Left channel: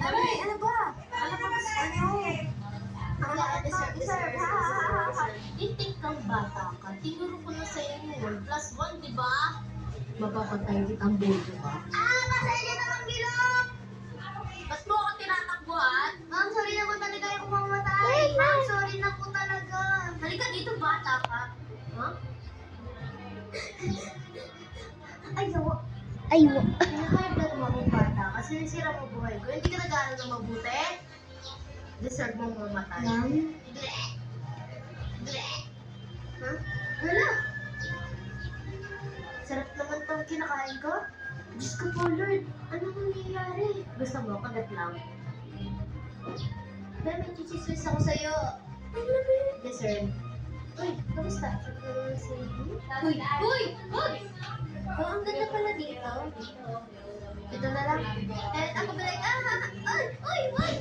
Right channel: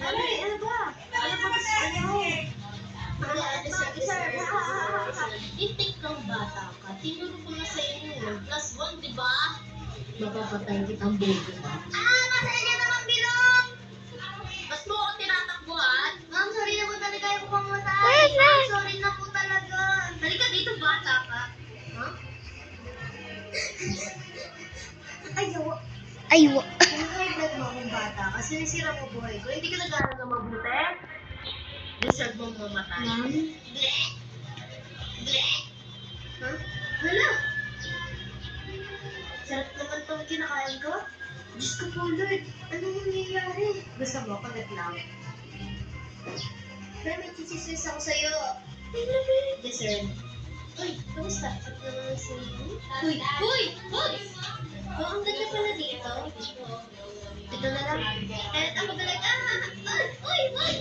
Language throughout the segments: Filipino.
Aray, ano ba? Ano ba gusto nyo? Itik kang bata ka. Tinuro ko na sa inyo 1+1, di ba? Mapapatay kitang bobo ka. Masaya niya naman bilog! Ba't mo ako tinatakbuhan? Ma'am, sorry na po talaga yung pumamatay. Ma'am, sorry na po talaga. Halika dito, bata ka. Ha? Ayaw. Aywa. Kung mo akong bata ka, sinisira mo buhay ko. Hindi ka nag-aaral na mabuti. Deserve mong mamatay. Ma'am? Ha? Hala! Sarap naman tong kinakain ko. Diyos ko po, Lord. Anong nangyayari? Gusto mo, kagat lang. Pero may chichismis ako sa'yo. I love it. Deserve. Uy, kamusta? At naman si... Uy! Uy! Uy! Oh, ang ganda pala dito. Ito na lang. And ako ba like, uy! Uy! Uy!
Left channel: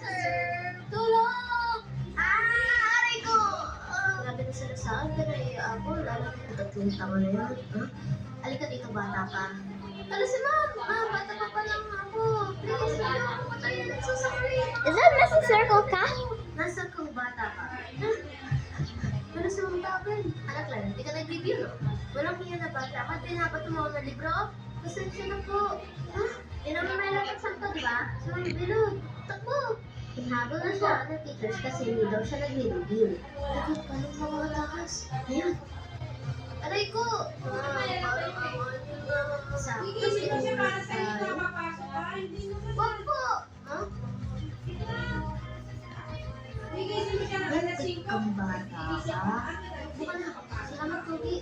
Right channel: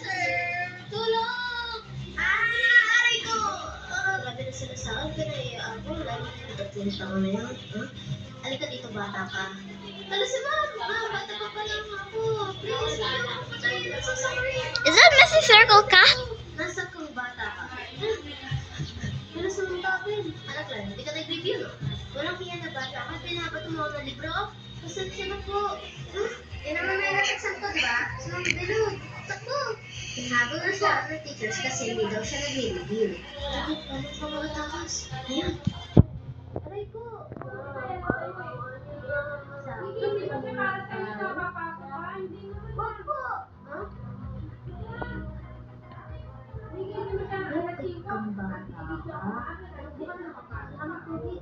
Sir! Tulong! Aray ko! Grabe na sila sa akin, pero ako, lalo na tatlong tanga na yan. Ha? Halika dito, bata ka. Tala si ma'am! Bata pa pa lang ako. Please, huwag niyo ako patayin. I'm so sorry. Is that Messy Circle ka? Nasaan kang bata ka? Pero sa mga tapin, anak lang, hindi ka nag-review, no? Walang hiya na bata ka, pinabato mo ako ng libro? Pasensya na po. Yan naman may nataksan to, di ba? So, bilog, takbo. Pinhabol na siya ng teachers kasi hindi daw siya nag-review. Takot pa ng mga takas. Ayan. Aray ko! Wag po! Ha? Ba't ang bata ka? Bukan na. Salamat, Pogi.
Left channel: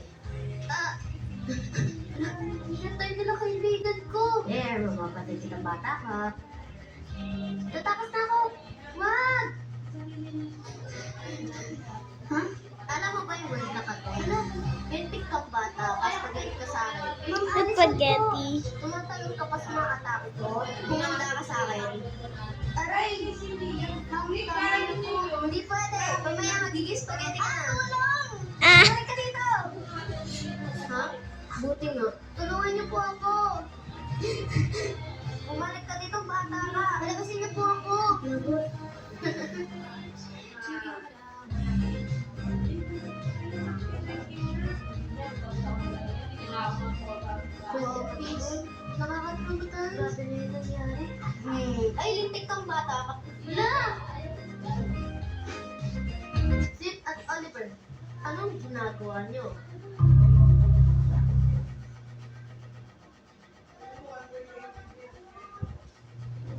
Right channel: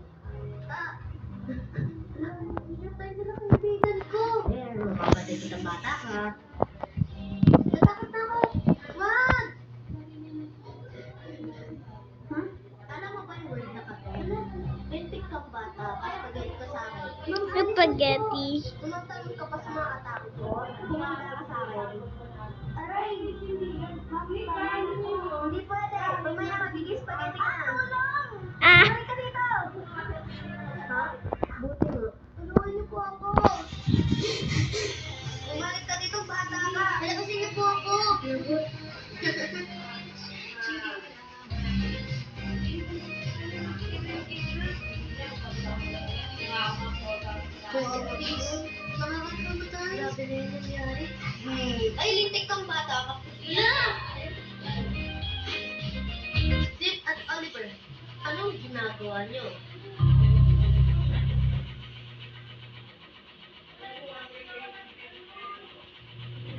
Hinatay nila kaibigan ko. Mapapatay kitang bata ka. Natakot na ako. Wag! Ha? Alam mo ba yung word na kato? Bentik kang bata, spaghetti ka sa akin. Spaghetti. Tumatanong ka pa sa mga atake ko. Humanda ka sa akin. Aray! Hindi pwede. Mamaya magiging spaghetti ka na. Ah, Aray ka dito! Ha? Buti nga. Tulungan niyo po ako. Bumalik ka dito, bata ka. Nalabasin niyo po ako! Kuya, please. Nakakatulog tayo. Grabe na yung nangyari. Ay, lintik kang bata ka. Na! Zip at Oliver, anong ginagawa niyo?